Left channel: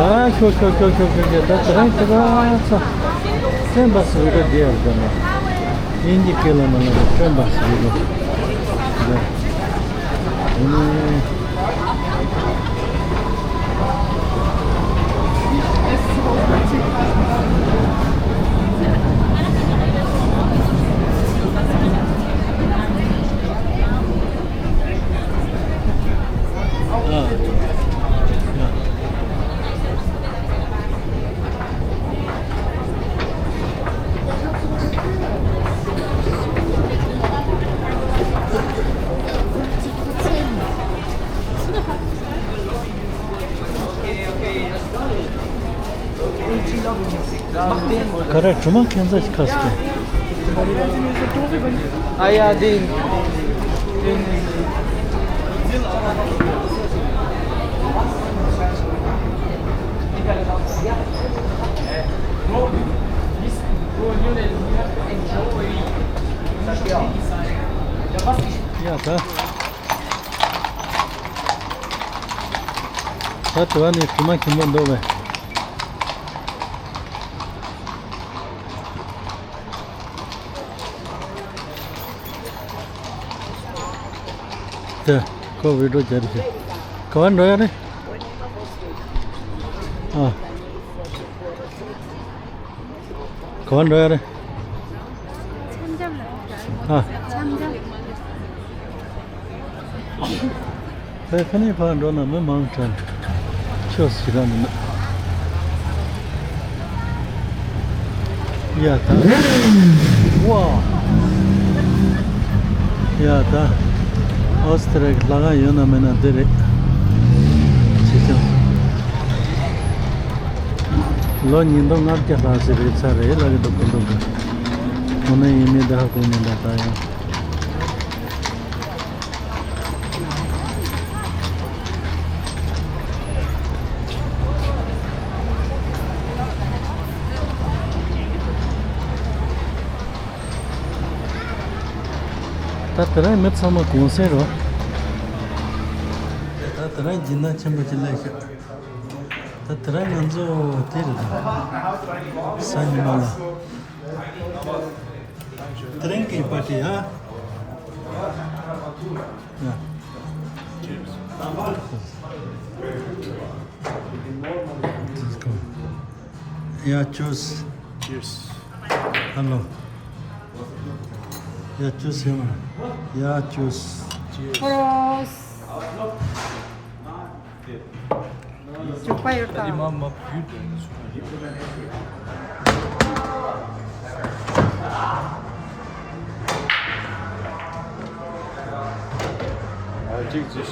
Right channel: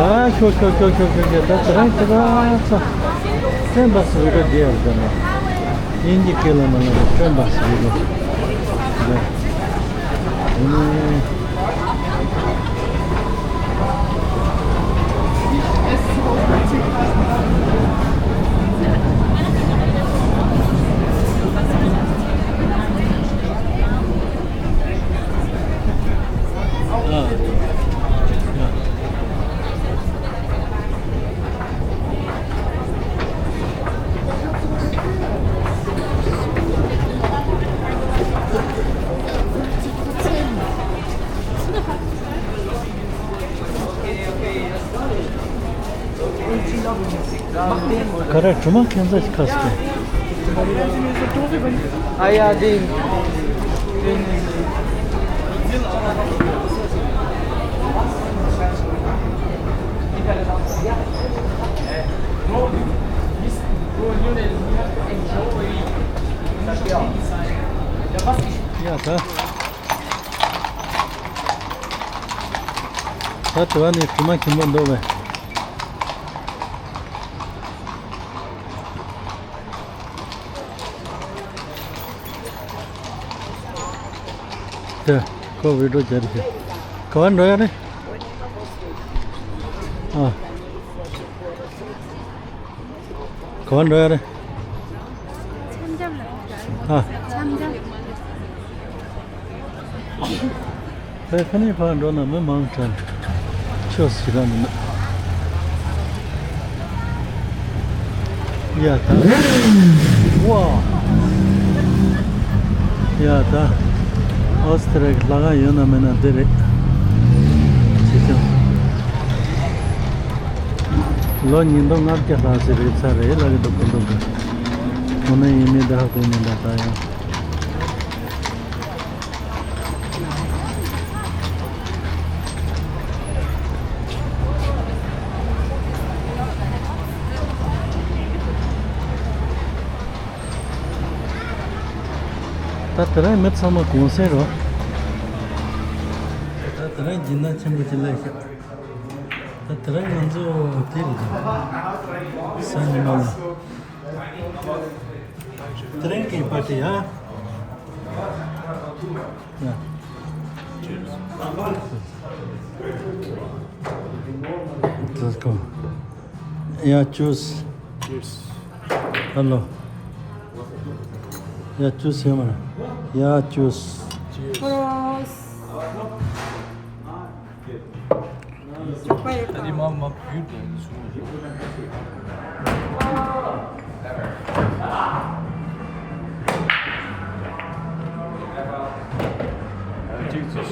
Da tranquillo. Sembra subito di Erdene. Indica la mano, sembra subito. Karar cuma kendisi kaskı. Ja, den. Ya da. Satu ani cuma kimon dobe. Có video chạy đi. Có anh rồi đấy. Có anh rồi đấy. Cái này phải đó là mới mang chân. Chưa xí ra nữa. Ya ta. Wow. Ya ta. Austria Vienna mena direkt. Lo nindo ngar ke hase re sare lage to kondo. Mone yeme daha ko ne lata ya. Tatara met sama konser o. Tatara jinna chembu chilai. Tatara nanzo tiri. Sanjimala. Drinking party, huh? Yeah. Let's go. Yeah, choose. Cheers. Hello. Yeah, choose him. Yeah, choose. Cross. Die Mama büht Jesus.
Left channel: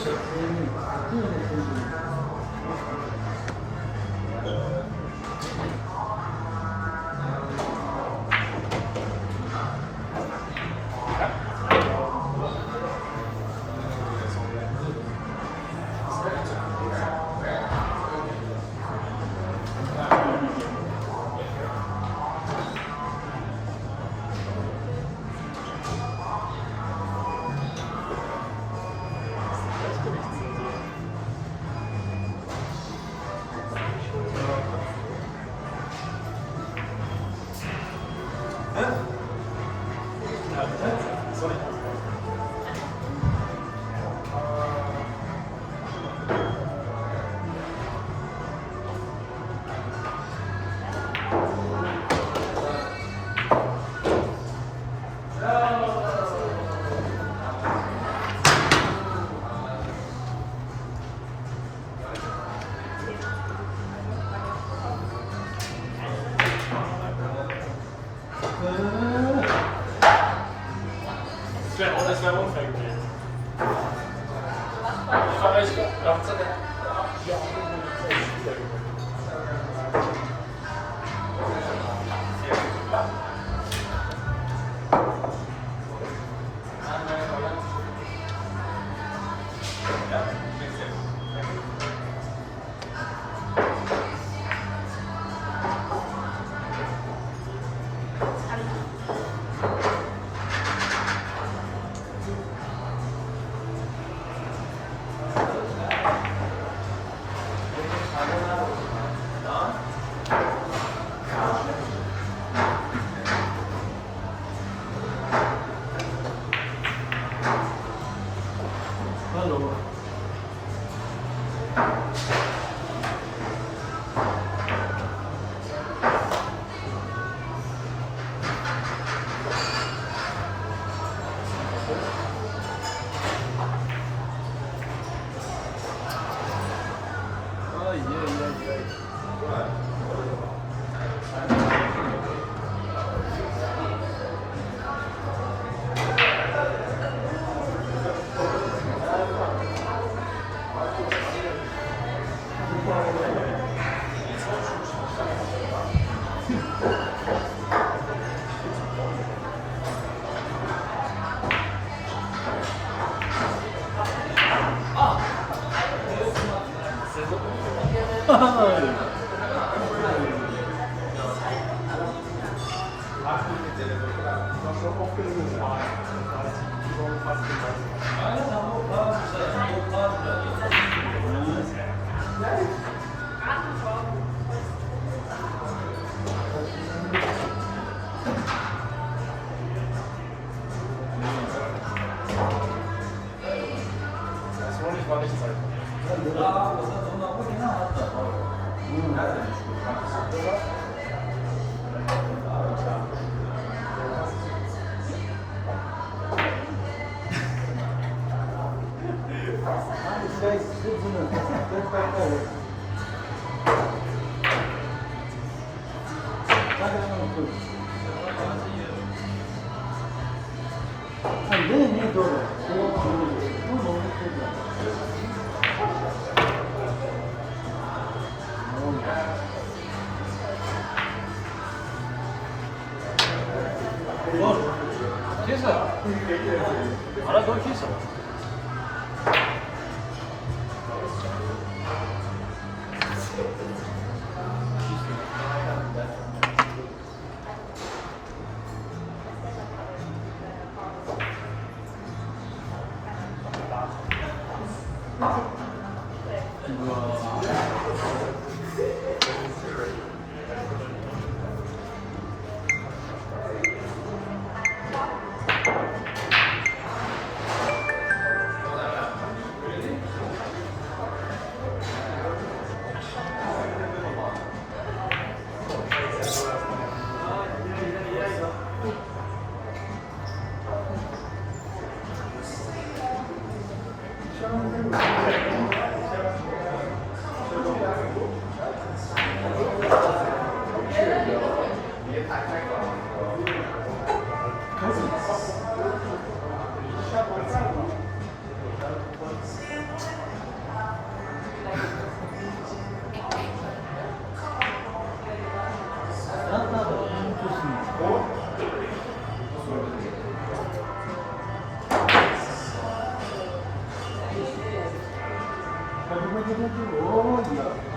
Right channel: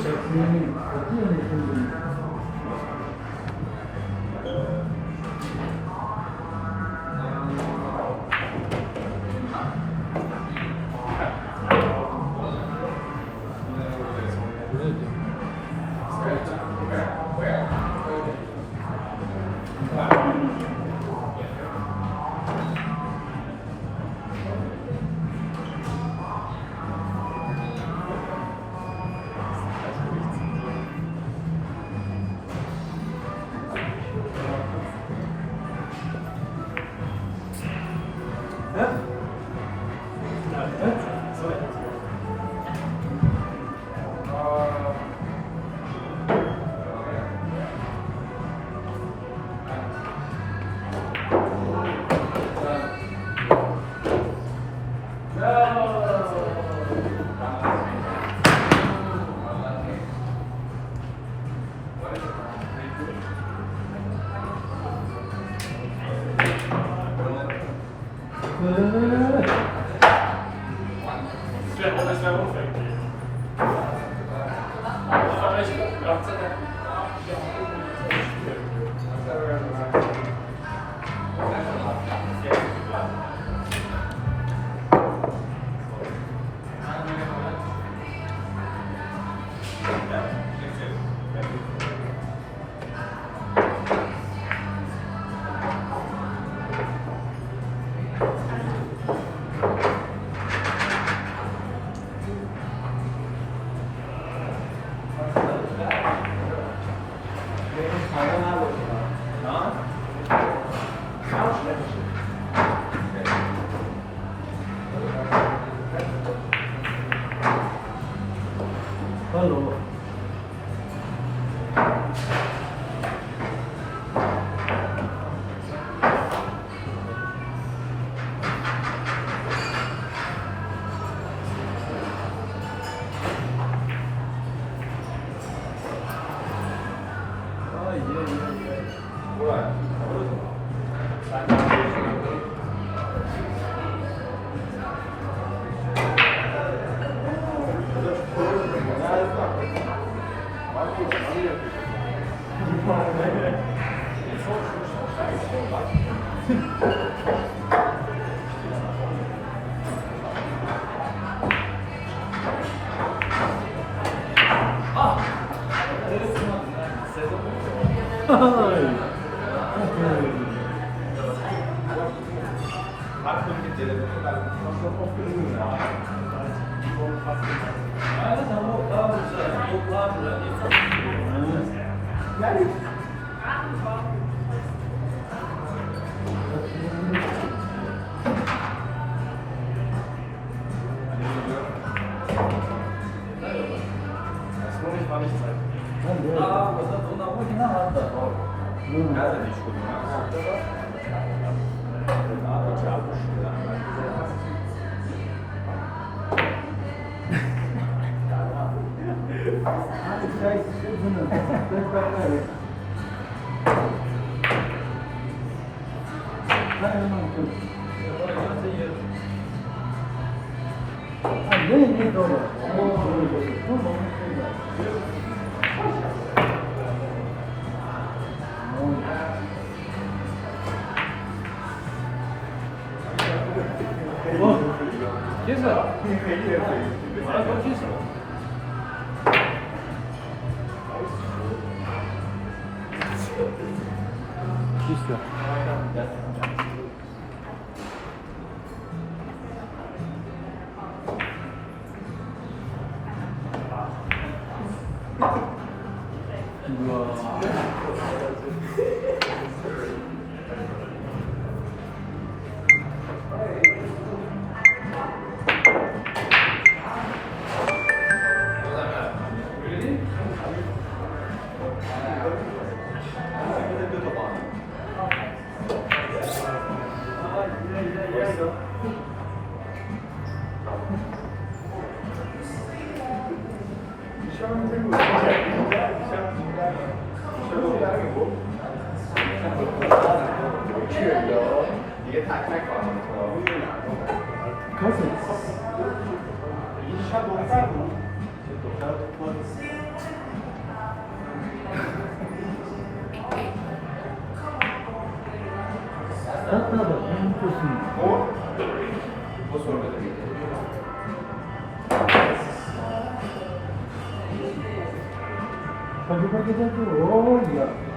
Hallo. Oh ya.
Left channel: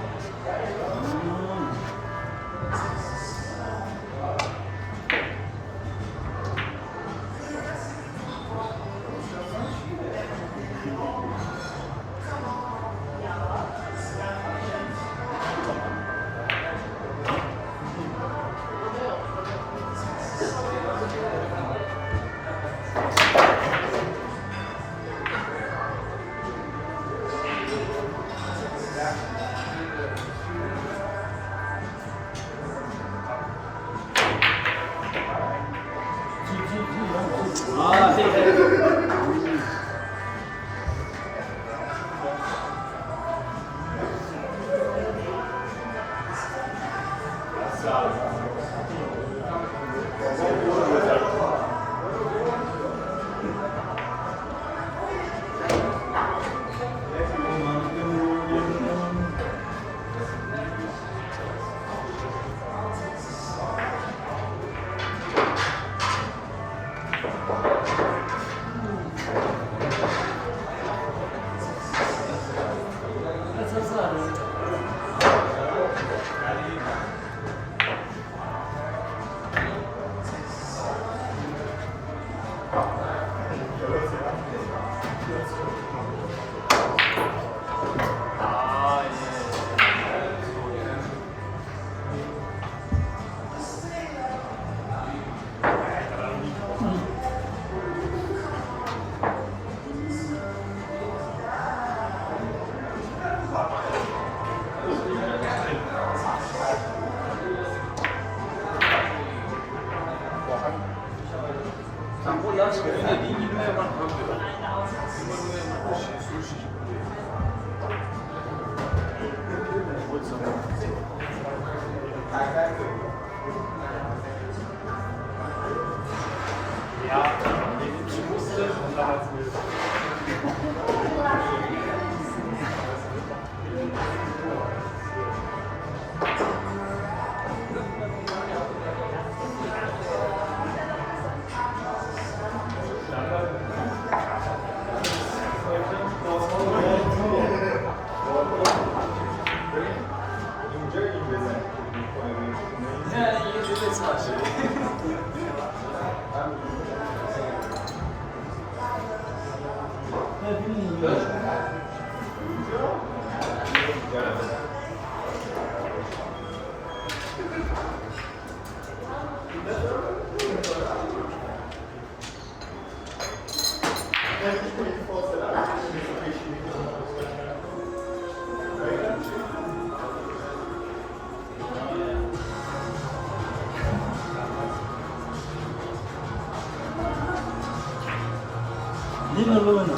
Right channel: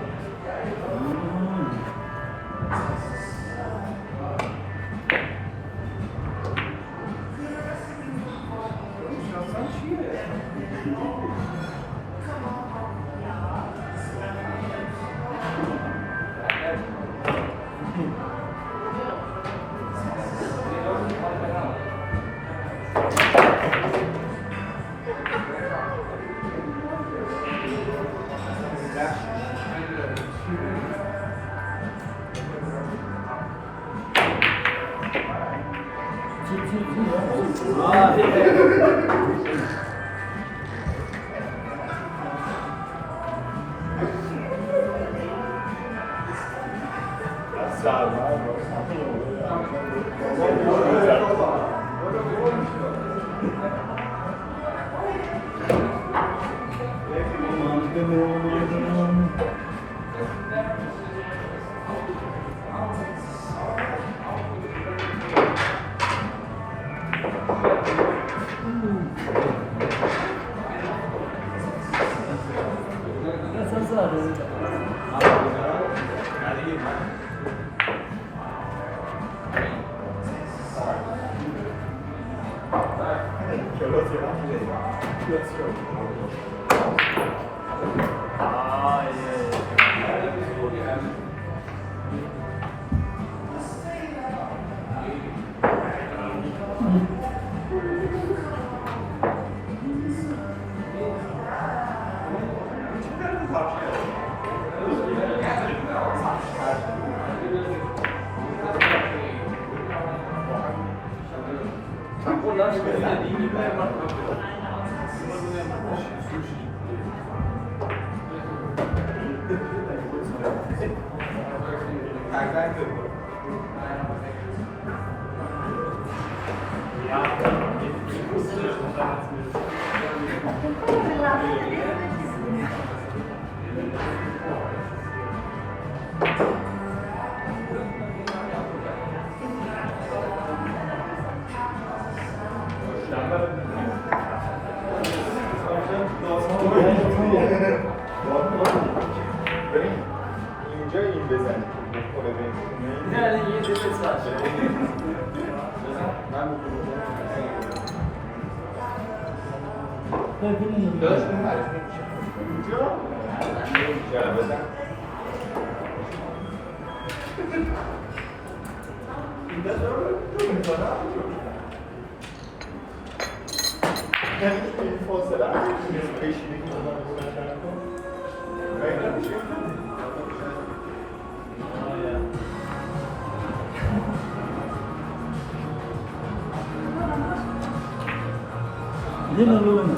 Din alone.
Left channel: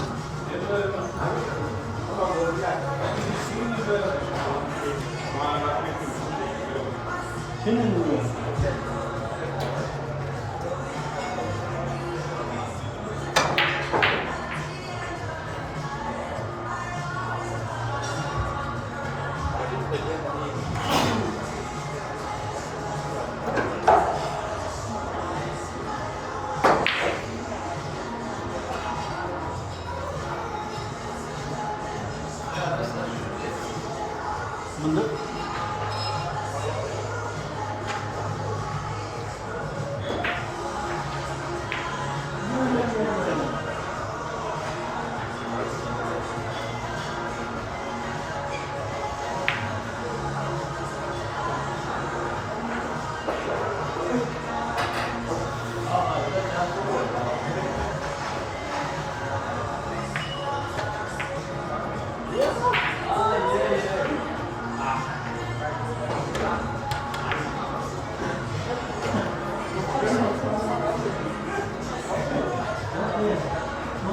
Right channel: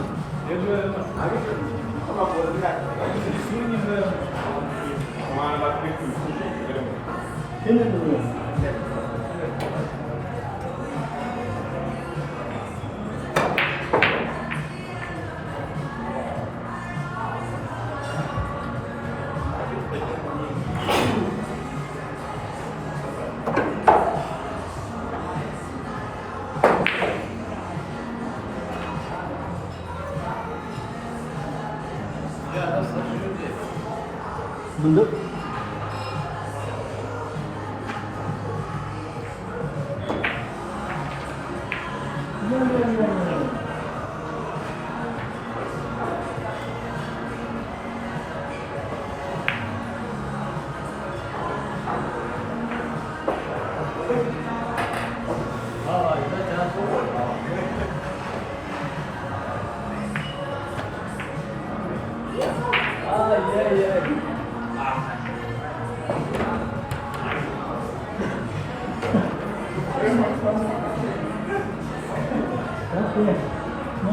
Sino alone? Mundur.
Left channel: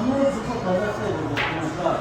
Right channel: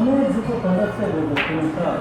Mana buku kanak saya berkenaan.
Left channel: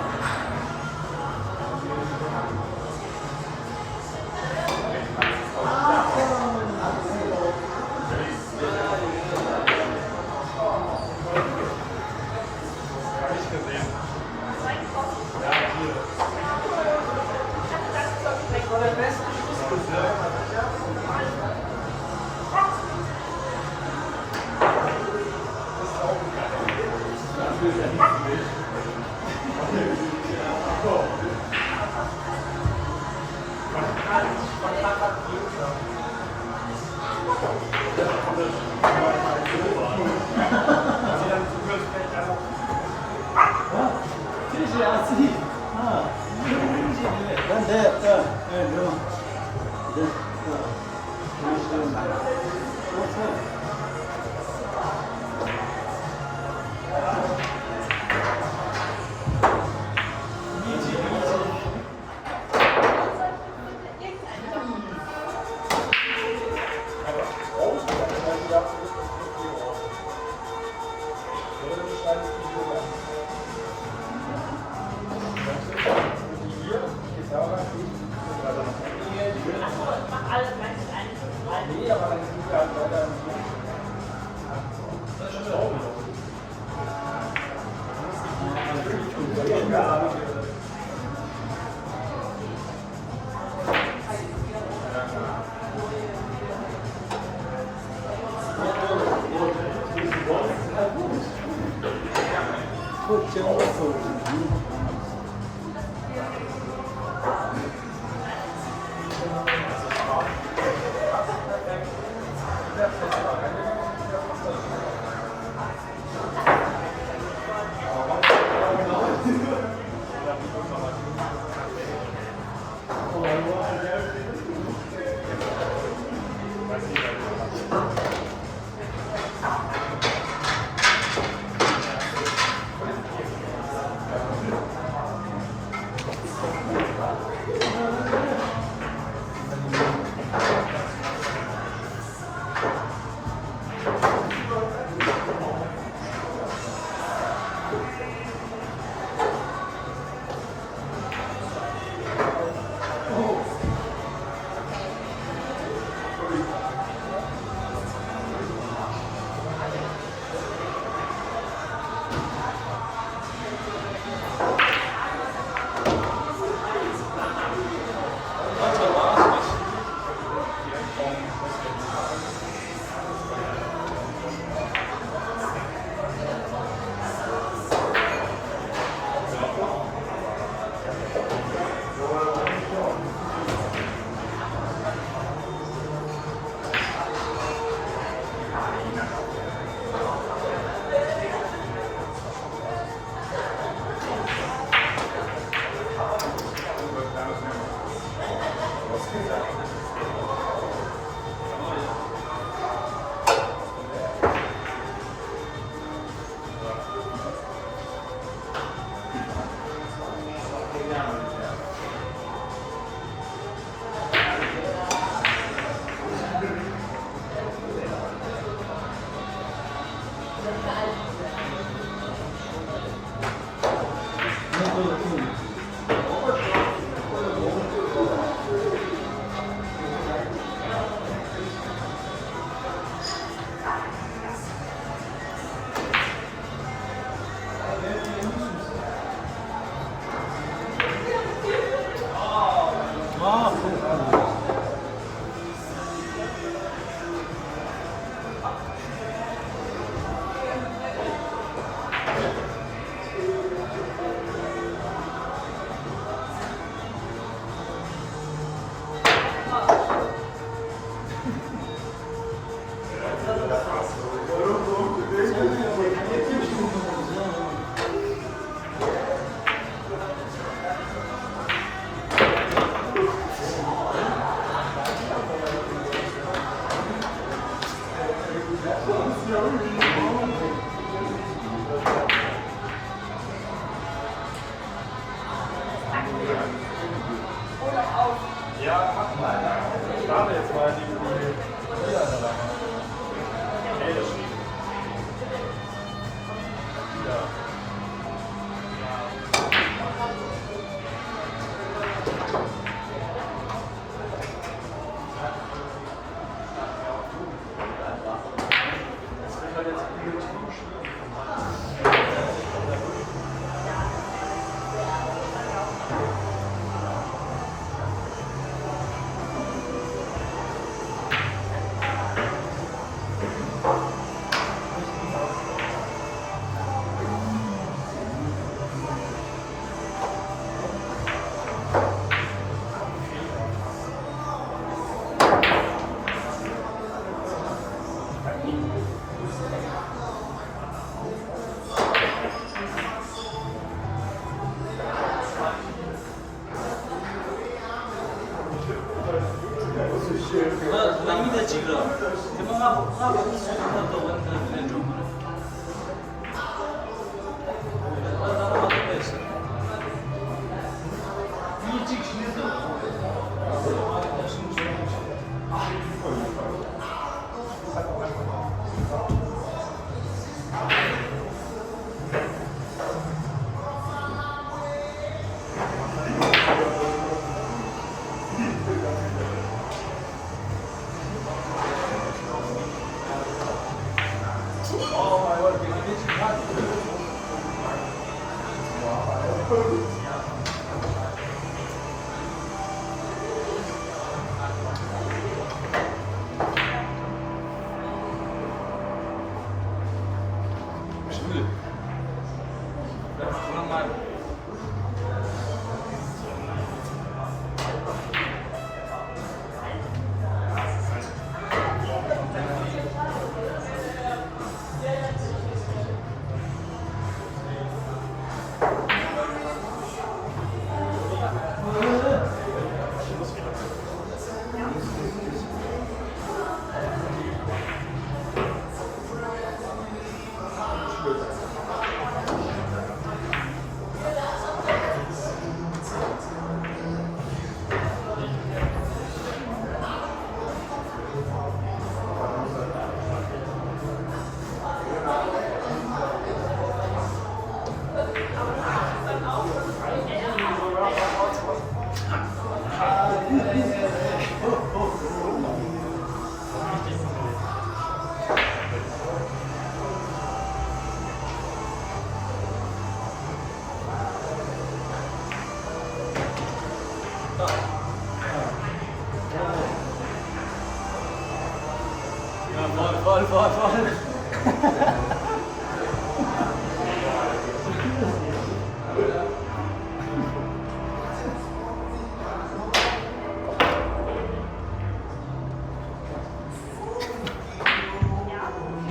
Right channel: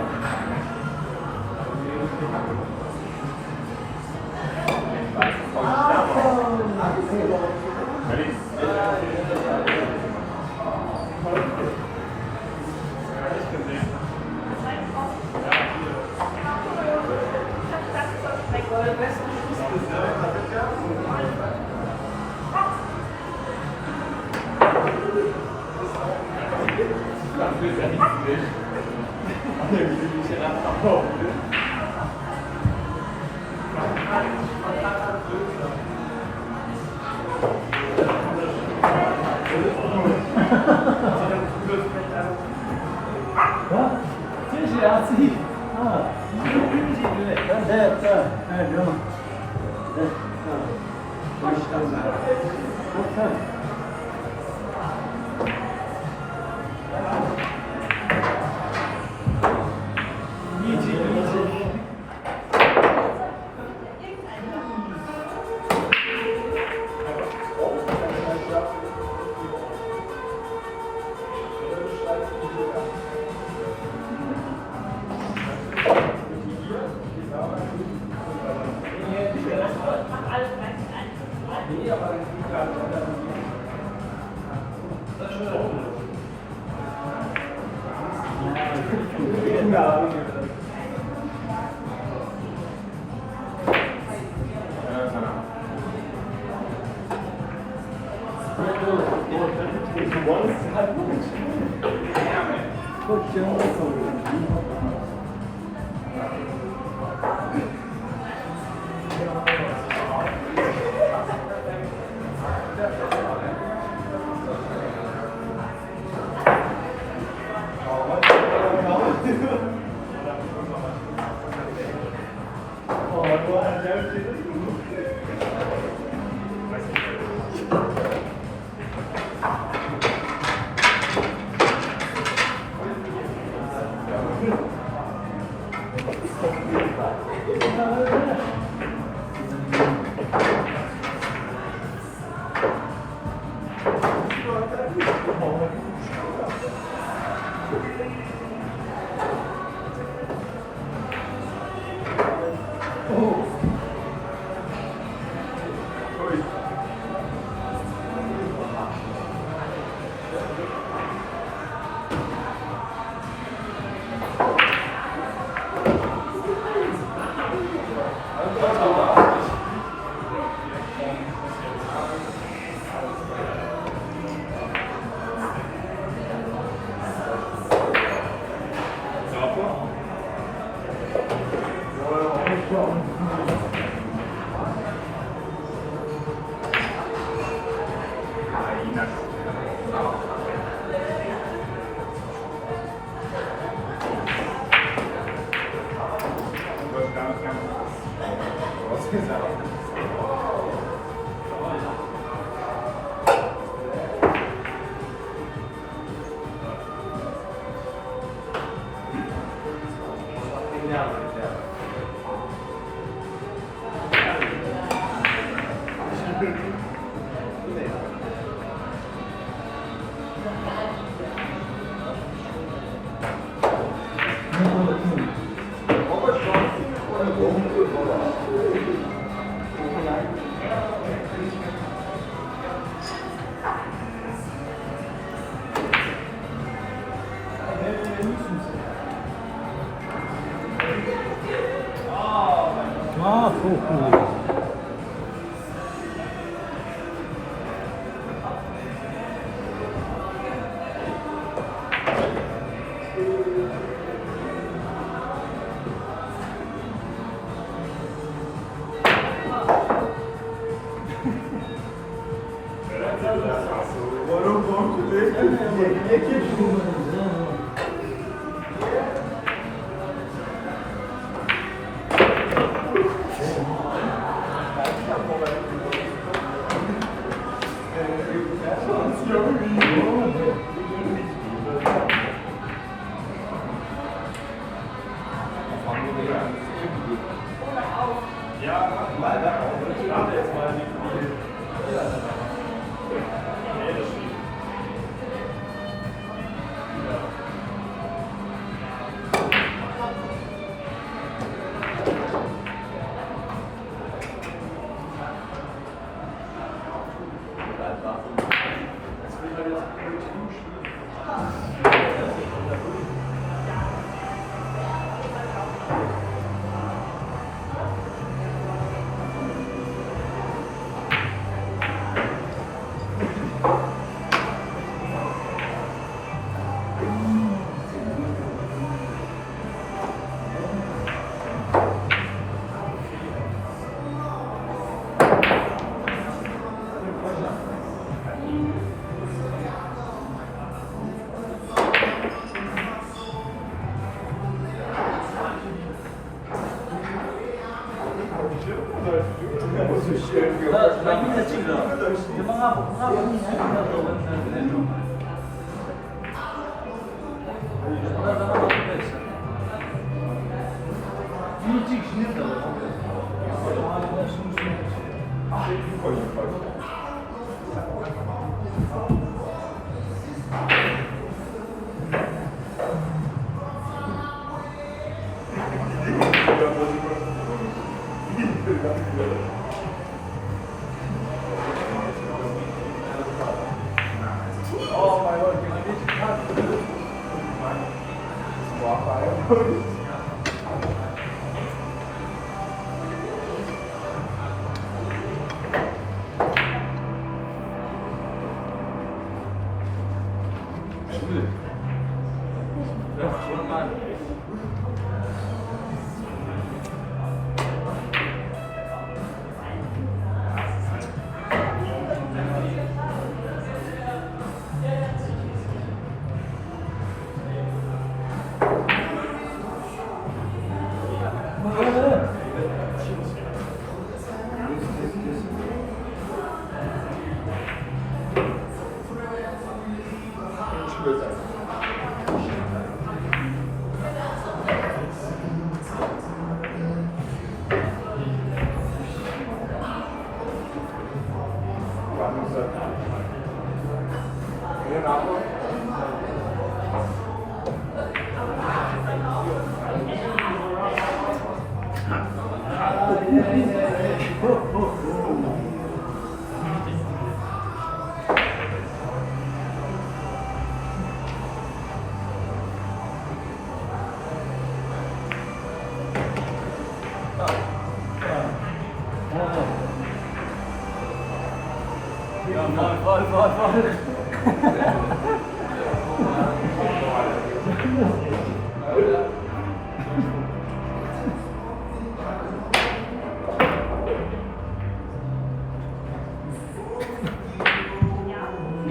Ah, cool, cool.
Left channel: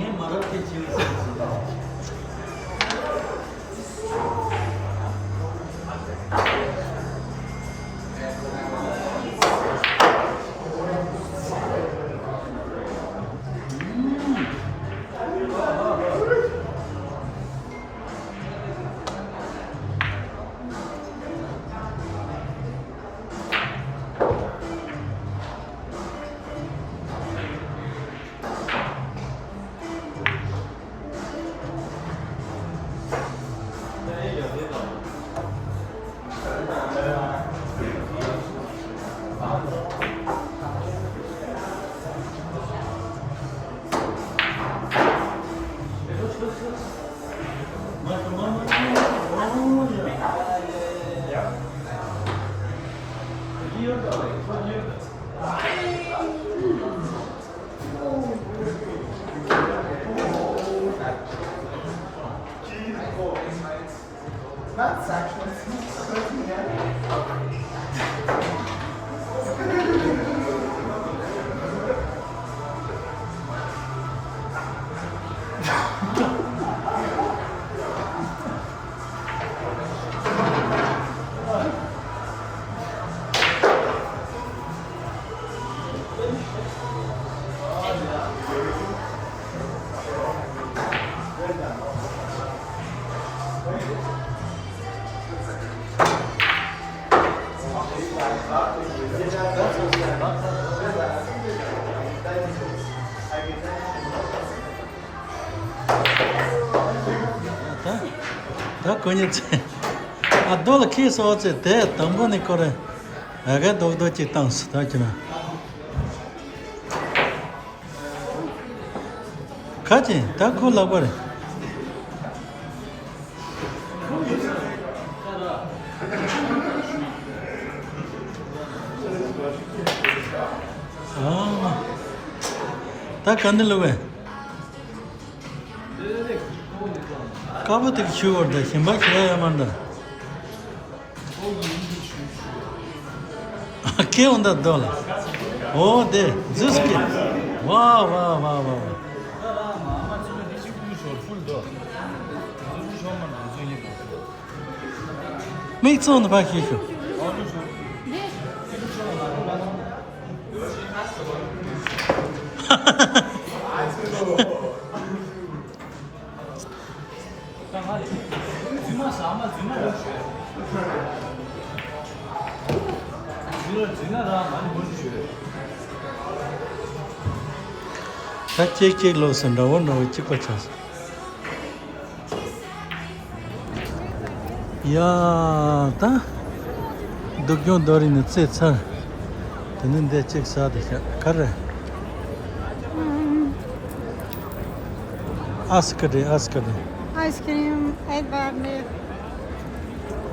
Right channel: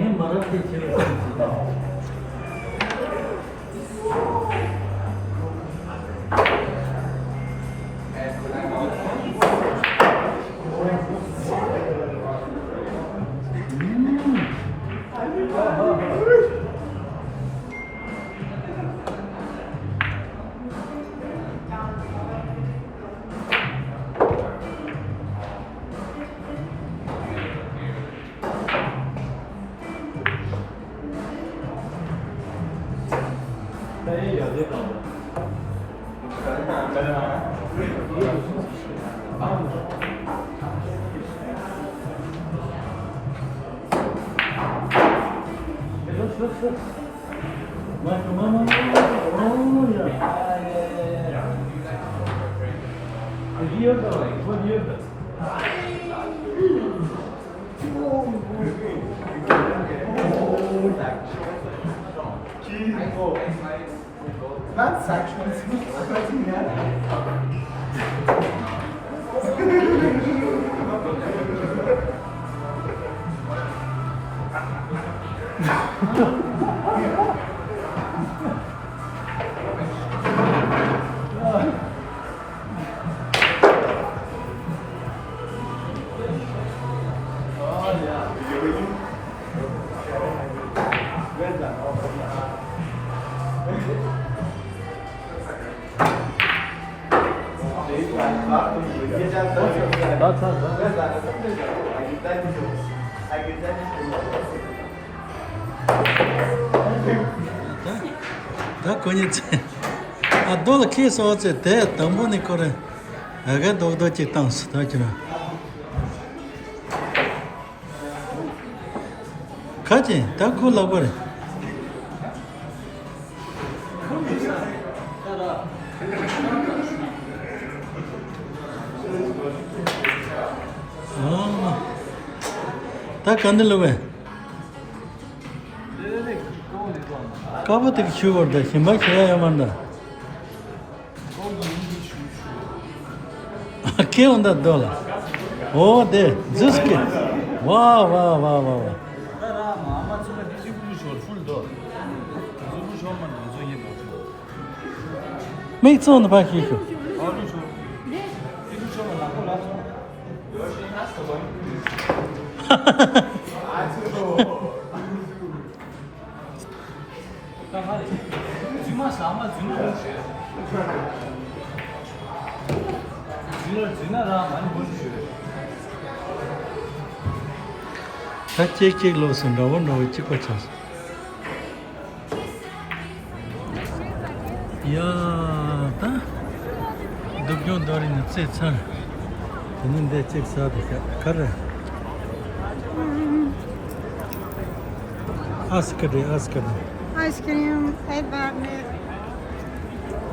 Ne Malatya çevirsin. Da koniec. A dole kje so oce te tambo nekore. Aga do ci tam sta kina. Kaje ta ko labore. Ah. Ta kandelowe. Kapatık şu orada. Şimdi bak ya yamanda. Ke onda dola. O de. Zıskı. Wow. Mấy chỗ nó bác hi şu. Các chiếc lô sân đó vẫn rồi chiếc quạt chas. Ya ta, dükkan doğru nütse çar. Tenin de çek sadece kare. Askeri. Ice cream, egg bagnet.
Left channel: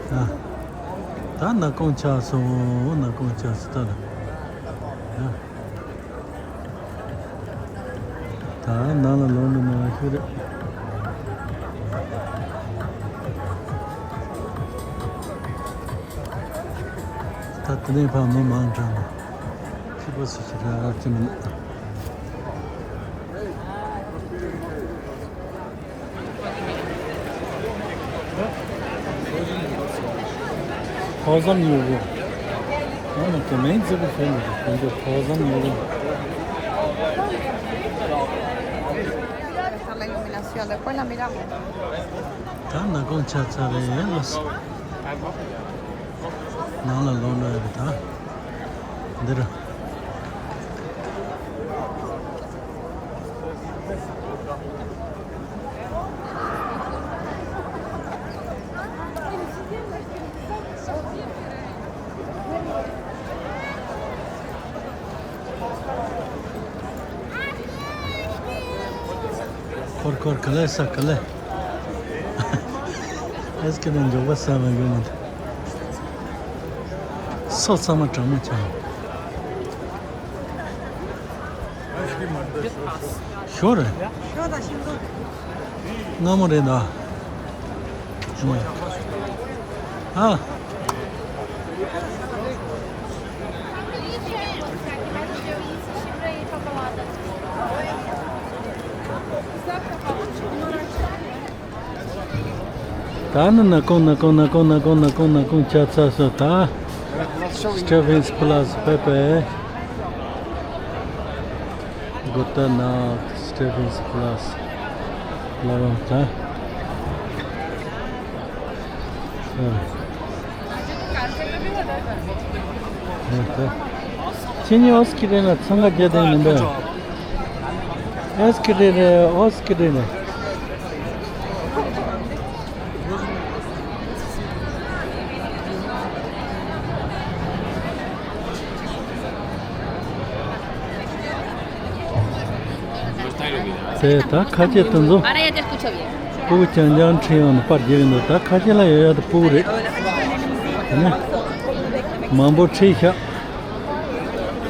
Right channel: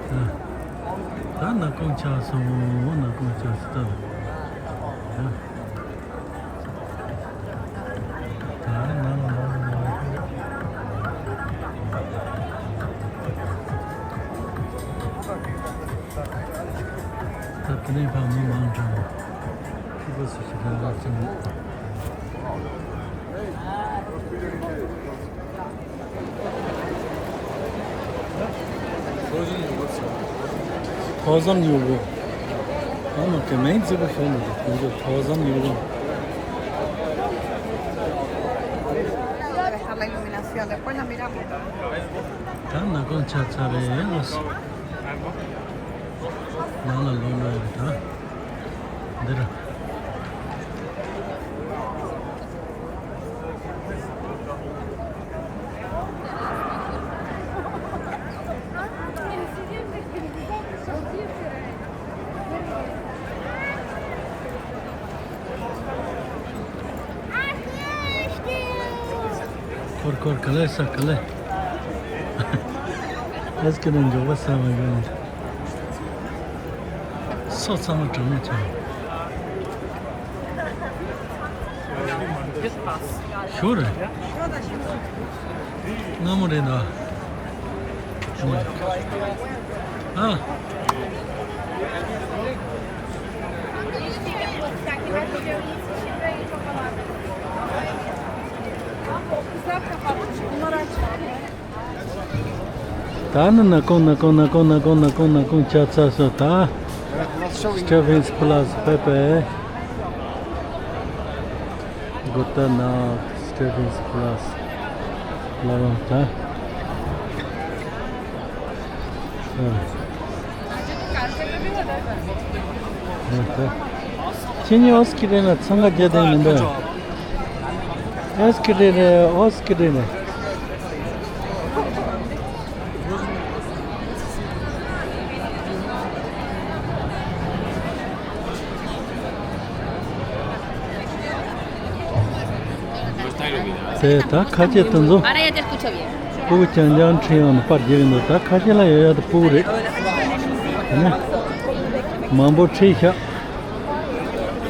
Ha. Ta na konça so, na konça sta. Ha. Ta na şöyle. Tatlı falan mantıklı. Kibası falan açın. Tozan yugo. Ama kemeyin zıbı falan oldu. Bence tozan yugo. Debe estar la iluminación, después la miramos. Tamam, concha çareyemez. Nana lona evet ha. Dira. Kor kale sakale. Eskiden joba sama yoni. Sotsama tamu çay. Sure. Namore da. Ha. Tan na kon çatsa so ta. Stephansplatz Pepe. Gute Nacht, Stephansplatz. Lavan ta. Evet. Çin'i oskirene sanga gedeyim de. Oskirene. 네, 다 같이 했던 거. Ahora ya te escucho bien. 보고 전장 체험 빠지는 다 같이 라야 보래. 네. mambo 체샤.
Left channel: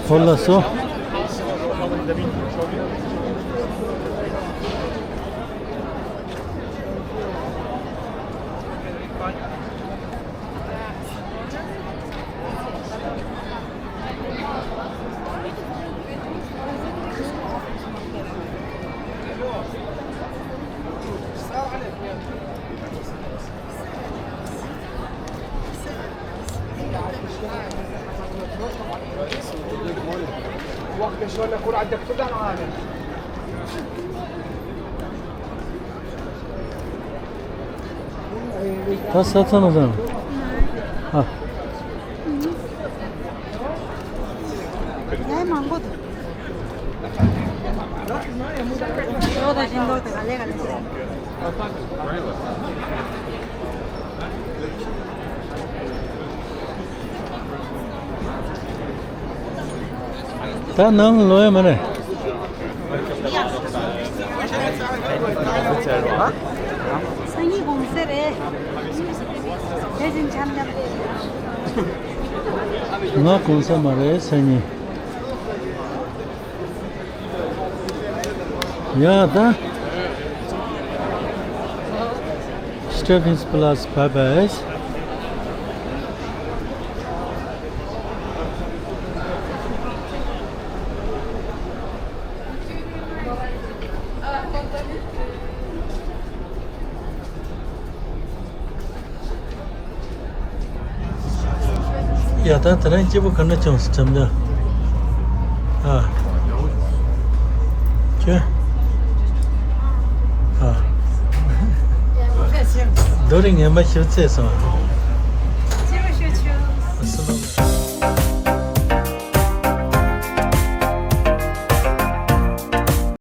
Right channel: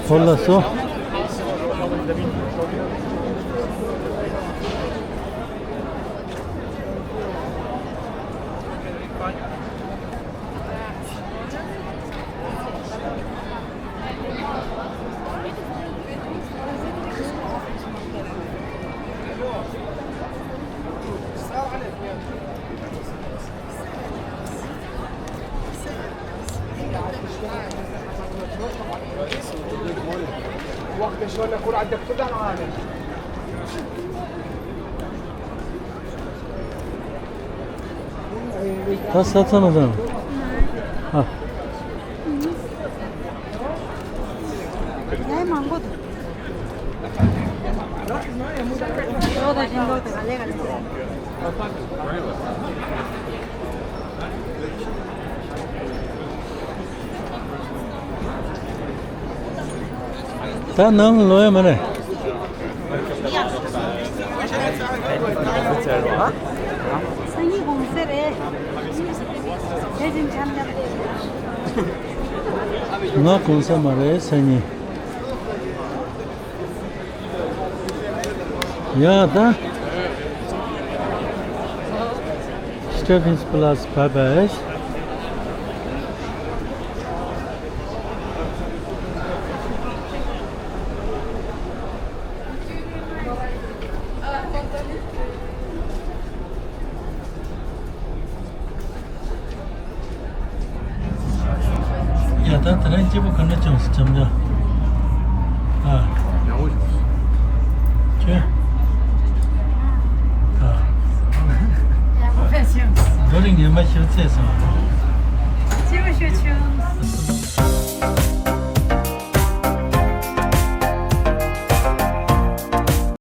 콜라서. 다 샀잖아. 아, Ya es mango. Todo sin golpe, galega. 다 너무 로에 말해. 생이 공세래. 대신 참잡. 나 공사 말해 생이. 야, 다. Stephansplatz Babes. 야, 다 들어 집어 건너 좀 점자. 아. 저. 아. 너링 연마 실제에서.